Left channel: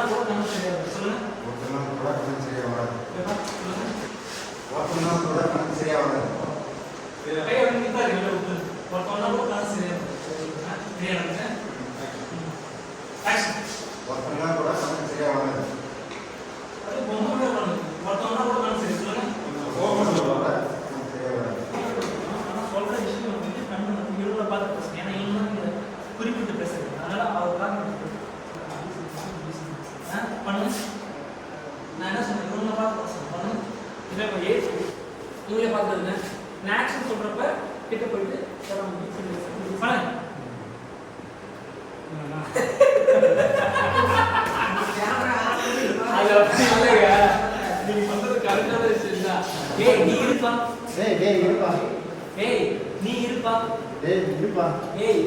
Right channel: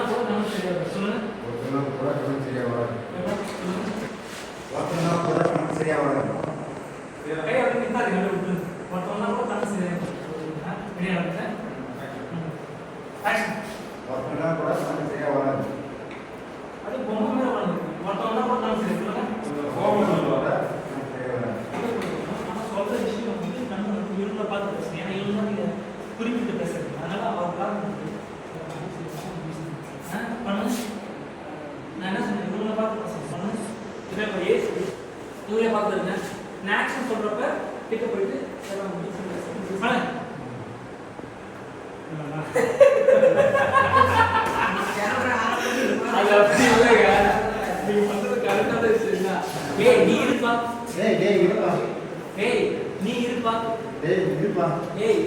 ஒருத்தனா கூட நம்ம சரியா இருக்கு சொல்லுங்க. ஒருத்தனா கூட நம்ம சரியா வராது. சொல்லுங்க. ஒருத்தனா கூட நம்ம சரியா வராது. கை அப்படி நிப்பாரு நல்லா விட்டு. ஒருத்தனா கூட நம்ம சரியா இருக்கு. சரியா இருக்கு. ஆக்ஷன். ஒருத்தனா கூட நம்ம சரியா வராது. அது பொம்மை மேல வந்து ஒருத்தனா கூட நம்ம சரியா சொல்லுங்க. கோபம் சொல்றத நம்ம சரியா வராது. ஆனா சொல்ற விஷயம் வந்து நம்ம இவங்கள பார்த்து பேசணும். ஏன்னா இவங்க தான் நீங்க குறிப்பிட்டு பேசுறது. அதனால அவருக்காக பண்ணு. நான் என்ன சொன்னேன் இவங்கள பார்த்து பேசணும். பண்ணு. இதே மாதிரி இவங்களே பார்த்துருங்க. நான் ஆக்ஷன் சொல்றப்ப கிட்ட போயிட்டு பண்ணு. அது அப்படி இல்லைங்க. நீங்க சொல்றது கரெக்டான விஷயம் தான். ஏய் நீ இருப்பா. டேய் இருப்பா. ஏய் நீ இருப்பா. டேய் இருப்பா. ஏய்